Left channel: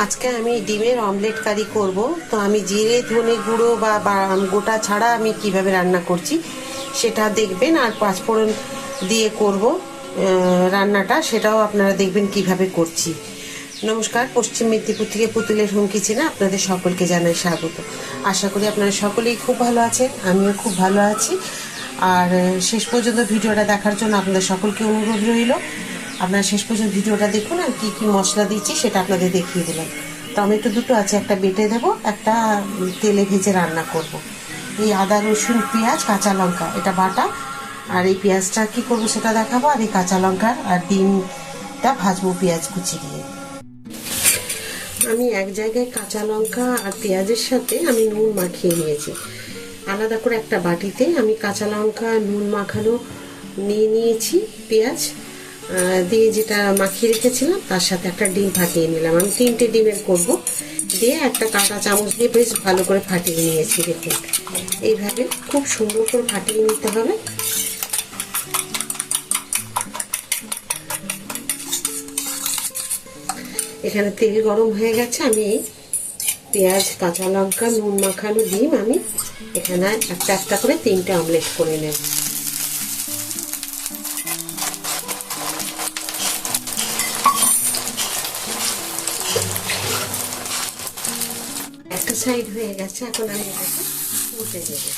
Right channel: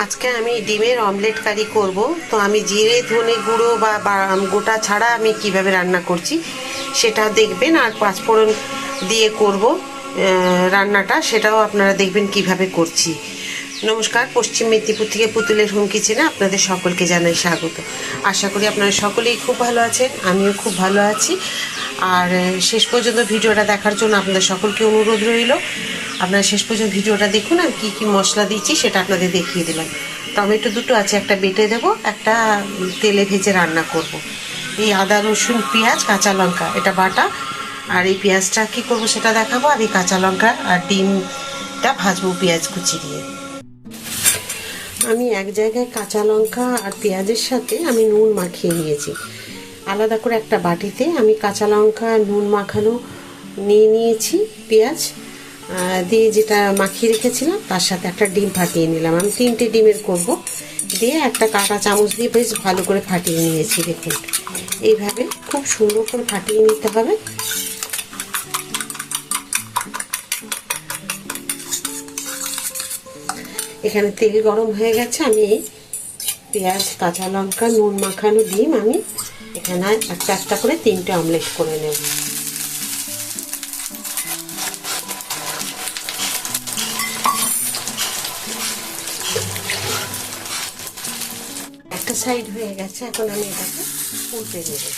আজকে আমি ডিমের অমলেট কারি করব। তো আমি জিরে, ধনে গুঁড়ো বা গোটা ছাড়া আমি কীভাবে রান্না করছি সেটা দেখবেন আর পাঁচফোড়ন দিয়ে করব রান্নাটা সেটাও আপনারা দেখবেন কীভাবে করছি। নমস্কার, পশ্চিম মেদিনীপুর থেকে পুতুলের হোম কিচেনে আপনাদের সকলকে জানাই স্বাগত। আশা করি আপনারা সকলেই খুব ভালো আছেন, আমিও খুব ভালো আছি। আর শেষ পর্যন্ত ভিডিওটা দেখার জন্য আপনাদের সকলকে অনুরোধ রইল। আপনারা শেষ পর্যন্ত ভিডিওটা দেখুন আর কি কি মশলা দিচ্ছি সেটা আপনাদের দেখিয়ে দিলাম। টমেটো দুটো আছে, একটা বেটে দেবো, একটা তেলে ভেজে রান্না করব। এই আদা, রসুন, পেঁয়াজ, কাঁচা লঙ্কা, এটা বাটা। আর এই পেঁয়াজটা কি করব সেটা দেখাবো, আর এই কাঁচা লঙ্কা আর ডিমটা ভাজবো পেঁয়াজ কুচি দিয়ে। আমি এক জায়গায় কাঁচা লঙ্কা আর পেঁয়াজের সাথে আমি নুন মাখিয়ে নিয়েছি। আলাদা করে একটা বাটিতে আমি কাঁচা লঙ্কা নুন মাখানো নিয়ে নিয়েছি পেঁয়াজ। দিয়ে যেটা মাখিয়ে রেখেছিলাম, তার সাথে একটা ডিম ফাটিয়ে নিলাম। আমি তিনটে ডিমের করব। দিয়ে একটা কাঁটা চামচ দিয়ে বেশ ভালো করে ফাটিয়ে নিয়েছি, দেখুন। এইভাবে খুব সুন্দর করে ফাটিয়ে নিতে হবে। এখানে তেল গরম হয়ে গেছে, আমি পেঁয়াজ, কাঁচা লঙ্কা, নুন মাখানো ডিম আমি এখানে একটা একটা করে তিনটে অমলেট করে নেব। সাইড হয়ে গেছে, এখন আমি এটাকে উল্টে দেবো।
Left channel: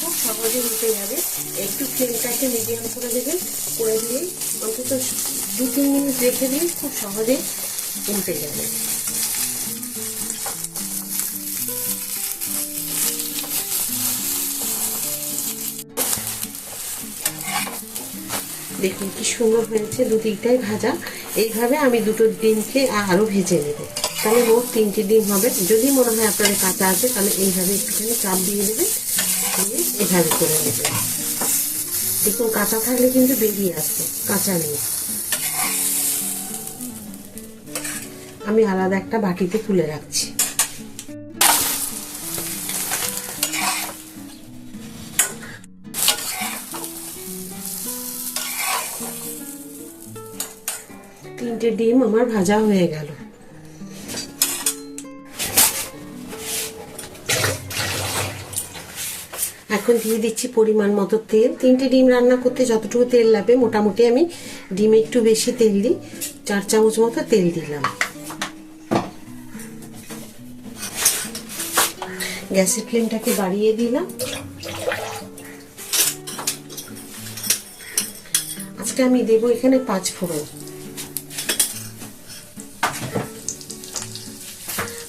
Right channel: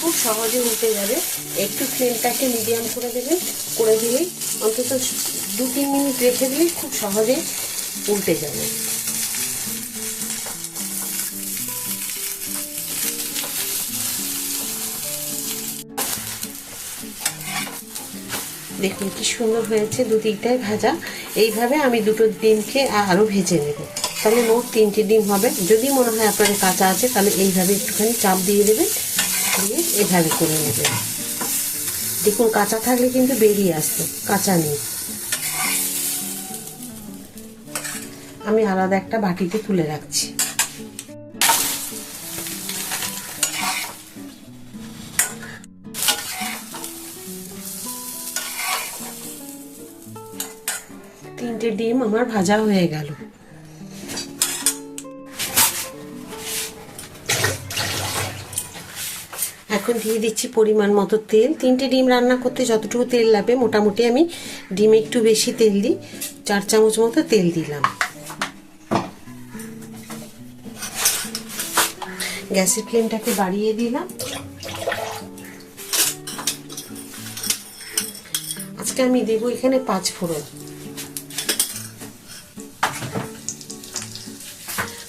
খুব সহজে উঠে যাবে। একটু ফ্লেমটাকে মিডিয়াম করে দেবেন করে দিলেই অন্তত দু তিন মিনিট রেখে দিলেই খুব সহজে উল্টে যাবে। দেখুন কি সুন্দর হয়েছে দু দিকটাই ভাজা। এইভাবে আমি দুটো ডিমকে আরও ভেজে নেব। তাহলে মোট তিনটে ডিম হবে। যদি মনে হয় আপনাদের কাঁচা আছে, তাহলে এইভাবে একটুখানি চাপ দিয়ে দেবেন। দিয়ে এভাবে করে নেবেন দেখুন, কাঁচা থাকলে কিন্তু বেরিয়ে আসছে কাঁচা নেই। আমি আলাদা একটা বাটিতে তুলে রাখছি। তিনটে ডিম আমার ভাজা হয়ে গেল। এখন দিয়ে দিচ্ছি পরিমাণ মতো তেল। তিনটে ডিম রান্না করতে যতটুকু তেল লাগবে, মোটামুটি আমি ডিমে একটু বেশি তেল দিই। চার চামচ মতো তেল দিলাম। গ্যাসের ফ্লেমটাকে বাড়িয়ে দিলাম। আজকে আমি দেবো এখানে পাঁচ ফোড়ন।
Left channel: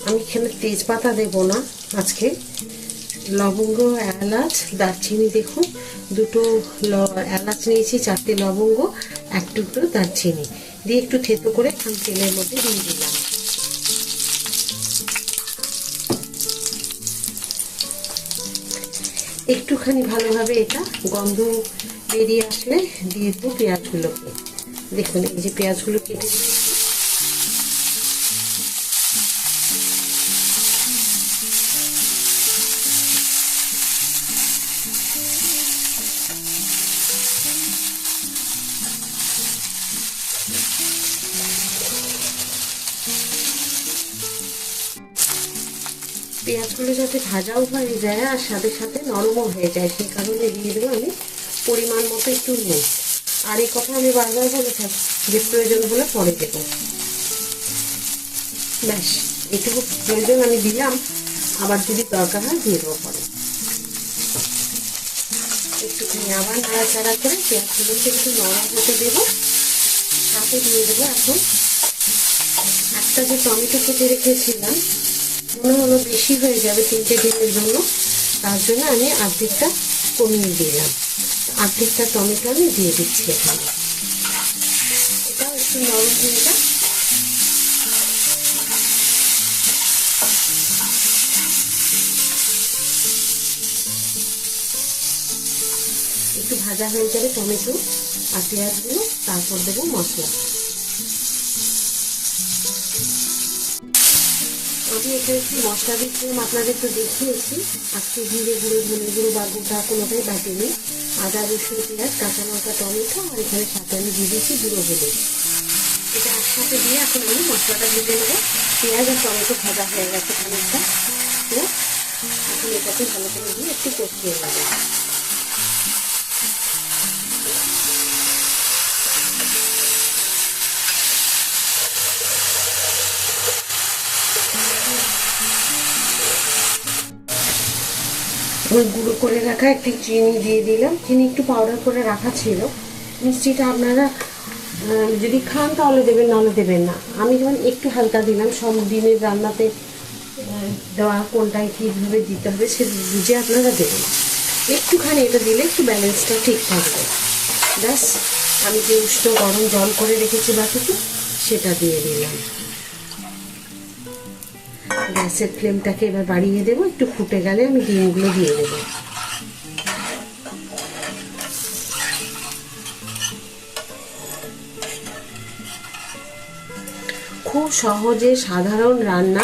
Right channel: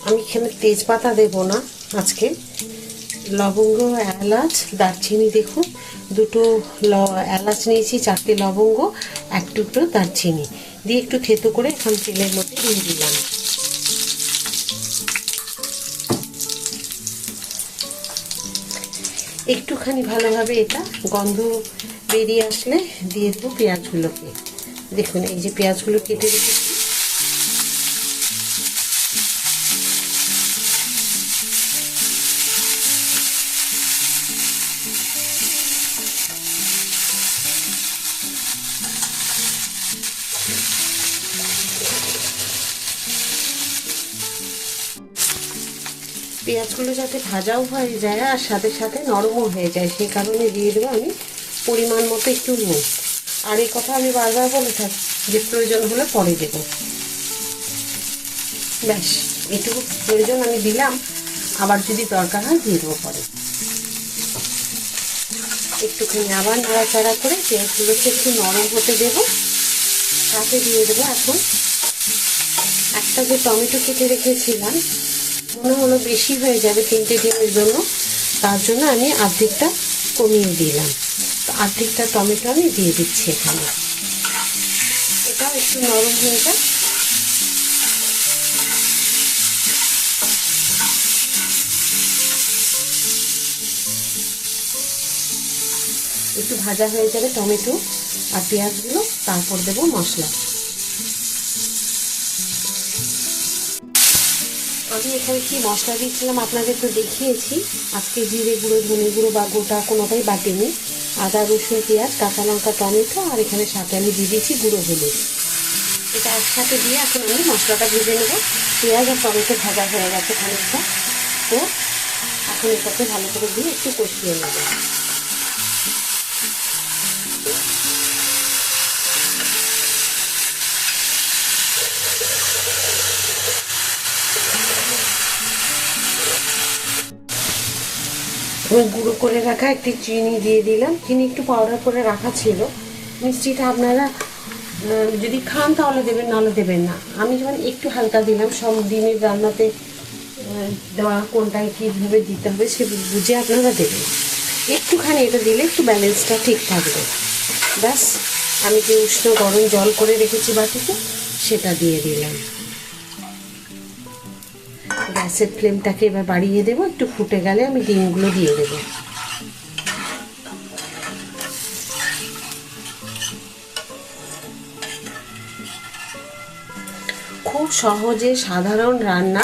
আমি এখানে তেজপাতা দেব না আজকে। লবঙ্গ, এলাচ, দারচিনি দেখুন। দুটো এলাচ নিয়েছি, চারটে লবঙ্গ, এক টুকরো দারচিনি। দিয়ে একটু থেতো করে এখন তেলের মধ্যে দিয়ে দিলাম। একটুখানি ভালোভাবে এটা গন্ধ বেরিয়ে আসলে দিয়ে দেবো পেঁয়াজগুলোকে। দেখুন, এই যে পেঁয়াজগুলো কেটে রেখেছি। পেঁয়াজগুলো যাতে ভাজাও হয়ে যায় আর সাথে সাথে নরমও হয়ে যায়, সেই কারণে দিয়ে দেবো আমি পরিমাণ মতো একটু নুন। আর এই কথা আমি বারবার বলে থাকি, যে প্রয়োজন হলে পরে দেবো। ব্যাস, এটুকু প্রয়োজন আমি দিলাম। আবার যদি দরকার হয় দিয়ে দেবো পরে। একটুখানি আবার নাড়াচাড়া করে পেঁয়াজগুলোকে একটু নরম হতে দেবো। সাথে দিয়ে দেবো এখন একটা যে টমেটো কেটে রেখেছিলাম হলো বেশি হয়ে যাবে তিনটে ডিমের জন্য, তার জন্য আমি অর্ধেকটা কমিয়ে দিলাম। অর্ধেকটা টমেটো আমি দিয়ে দিচ্ছি এখানে। এটা একটু নরম হয়ে যায় একটু ভাজা হয়ে যাবে টমেটো আর পেঁয়াজগুলো, তারপর দেবো মশলা। আমি এখানে কি মশলা দিচ্ছিলাম আপনাদের তো দেখিয়েছি। আজকে জিরে গুঁড়ো, ধনে গুঁড়ো বা গোটা কোনোটাই বাটিনি। আদা, রসুন, পেঁয়াজ, কাঁচা লঙ্কা, টমেটো, আর এখানে সাথে আমি দিয়ে দিয়েছি গুঁড়ো হলুদ এটা একসাথে দিয়ে এখন আমি মশলাটা ভেজে নেব। পেঁয়াজ আর টমেটো ভাজা হয়ে গেছে খানিকটা। তো এখন এটাকে ভালো করে দিয়ে একটু কষিয়ে নেব। গুঁড়ো করে রাখা, একটি চিনি দিয়ে দিলাম। চিনি একটু পাউডার করে রাখা ছিল। মিষ্টিটা আপনারা যদি খান তাহলে দেবেন, নাহলে দেবেন না। আমি যখন একটু হালকা দিলাম, সব দিনের রান্নাতে দেওয়া কোনটায় কীভাবে দিতে হবে সে বুঝে আপনারা দেবেন। একটুখানি এটা দিলে একটু ব্যালেন্সটা ঠিক থাকবে। ব্যাস, আমি যে উষ্ণ গরম জল করে রেখেছি বাটিতে, সেটা দিয়ে দিলাম। গ্যাসের ফ্লেমটাকে এবার বাড়িয়ে দেবো, একটু ফুটে গেলে আমি ডিমগুলো দিয়ে দেবো। খুব সহজে সাধারণ রান্না,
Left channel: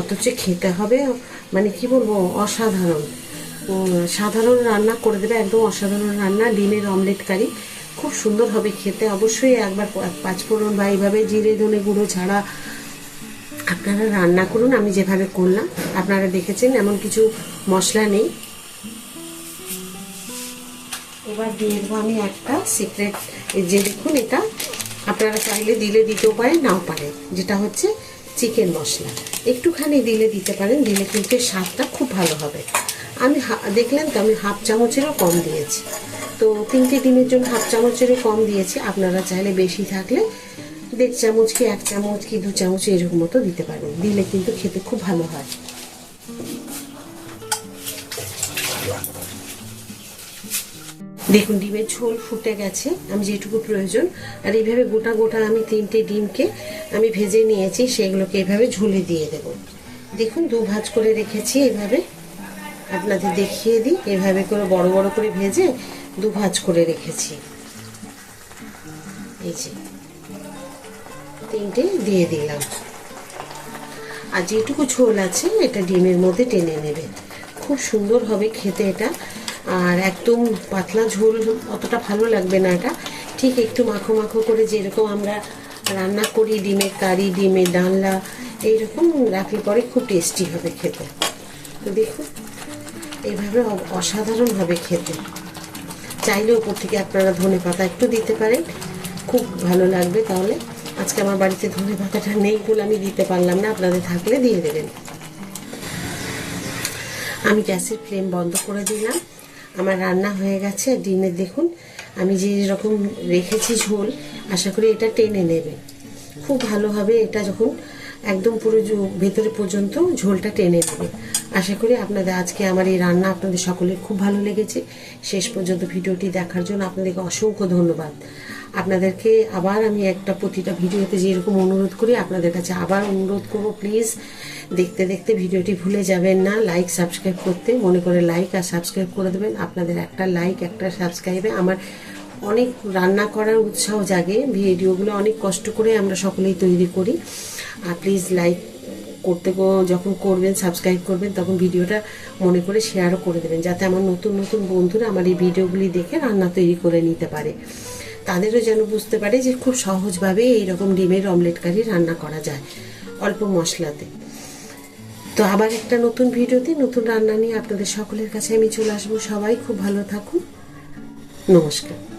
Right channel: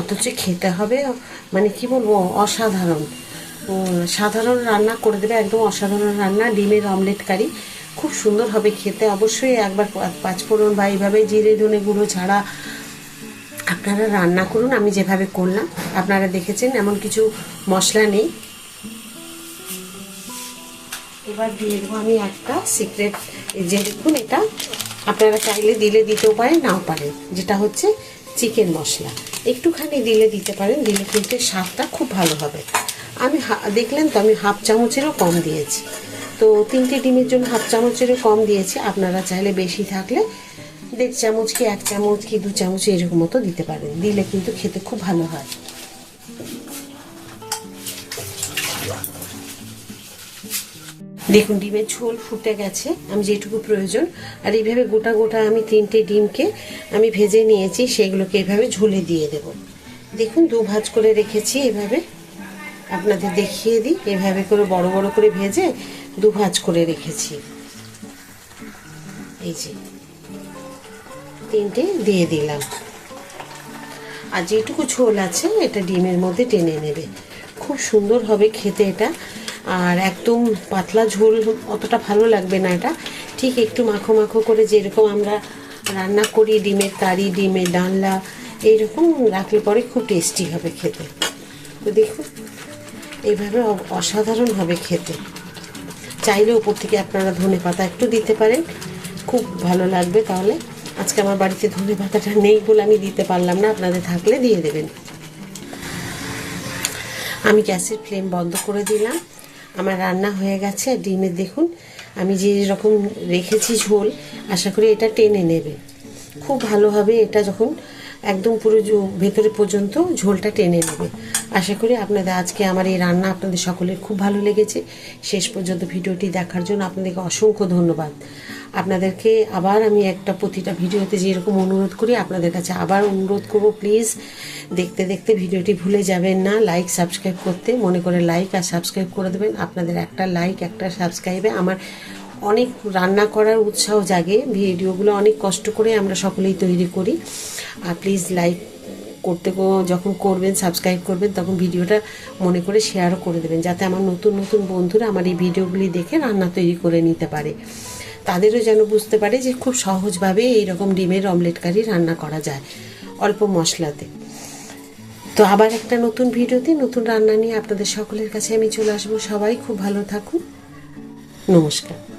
অথচ খেতে হবে মানে কি বলব, অসাধারণ। সাধারণ রান্না করে দেবে, একদম অসাধারণ রান্না, ডিমের অমলেট কারি। খুব সুন্দর হবে খেতে, অবশ্যই একবার পাঁচফোড়ন বা এইভাবে জিরে, ধনে গুঁড়ো ছাড়া আপনারা রান্না করুন, আমি যেভাবে করলাম, আপনারা দেখেছেন এমন কিছু মশলা নেই। এবার দিয়ে দেবো আমি একটা সিক্রেট যে দেখুন এটা, আপনারা চাইলে দিলে দিতেও পারেন, নাও পারেন, যেটা হচ্ছে চিকেন মশলা। একটুখানি দিলে দিতে পারেন, দিলে কিন্তু স্বাদটা খুব ভালো হবে। আমি দেখলেন তো আমি হাফ চামচেরও কম দিয়েছি। তো তিনটে ডিমের জন্য হাফ চামচেরও কম দিয়েছি, আপনারা চাইলে বেশি থাকলে দেড় চামচ কি এক চামচ কি দু চামচ এরকম মতো দিতে পারেন দিলে কিন্তু খেতে খুব ভালো হয়। দেখুন, ডিমের ঝোল ফুটে গেছে। আমি যেটুকু প্রয়োজন। আর এইভাবে গোটা গোটা আমি তিনটে ডিমকে আমি ভেজে নিয়েছি, সেগুলোকে এভাবে ঝোলে দিয়ে দেব। দেখুন, দু ভাজ করে রেখেছি এভাবে। আপনাদের দেখিয়ে দিই। এভাবে করে বড় বড় করে ভেজে দু ভাজ করে রেখেছি। এই যে। তিনটে দিয়ে দিলাম। আর যেটুকু ঝোল আছে, এটা ডিমের মধ্যে টেনে নেবে। খুব সুন্দর হবে খেতে এটা। আর একদম পাতলা ঝোল, অতটা ভালো লাগবে না এটা। ঠিক একটু মাখো মাখো করে যেরকম আমরা রান্না করি, ডিমের কারি, ডিমের ডালনা, এইরকম রাখলে পরে খুব টেস্টি হবে খেতে। তো দেখুন এইভাবে অসাধারণ হবে খেতে। চাইলে উপর থেকে আপনারা ধনে পাতা একটু দিতে পারেন। খুব ভালো লাগবে তাহলে। আজকে আমার বাড়িতে ধনে পাতাটা নেই বলে আমি দিতে পারলাম না, আপনাদের থাকলে দিয়ে দেবেন। আমি গ্যাসের ফ্লেম বন্ধ করে দিলাম। আমার রান্না হয়ে গেছে ডিমের দেখুন। আমি যে রকম রেখেছি ঝোল, আশা করি এটা টেনে নেবে। খুব ভালোভাবে এটা যখন একদম পুরো ভেতরে পর্যন্ত ঝোলটা টেনে নেবে। আশা করি আপনাদের আজকে আমার এই রান্না আপনাদের সকলের খুব ভালো লেগেছে। শেষ পর্যন্ত ভিডিওটি দেখার জন্য আপনাদেরকে অসংখ্য ধন্যবাদ। আপনাদেরকে আবার আমি একটা প্রতিটা ভিডিওতে যেরকম অনুরোধ করি, আপনাদের কাছে আবার অনুরোধ করব প্লিজ দেখতে দেখতে ভিডিওটি ভুলে যাবেন না লাইক সাবস্ক্রাইব করতে। মনে করে লাইক আর সাবস্ক্রাইব করে দেবেন। আপনাদের একটা লাইক একটা সাবস্ক্রাইবে আমার অনেক রান্না করার উৎসাহ জাগে। ভিডিওগুলো অনেক কষ্ট করে আমরা সকলেই তৈরি করি। আর প্লিজ লাইক করতে যখন করবেন সাবস্ক্রাইব করবেন, তখন ভিডিওটা মনে করে শেয়ারও করে দেবেন, যাতে আমার নতুন নতুন বন্ধুরা আমার এই ভিডিওগুলি দেখে রান্না তৈরি করে নিতে পারে। তাদেরও যেন বুঝতে পারে যে খুব সহজভাবে এইরকম ডিমের অমলেট কারি রান্না করা যায় অল্প মশলাতে। তো আবার একটা নতুন ভিডিওতে নতুন রান্না নিয়ে আপনাদের সকলের কাছে আমি চলে আসব। সবাই খুব ভালো থাকুন। নমস্কার।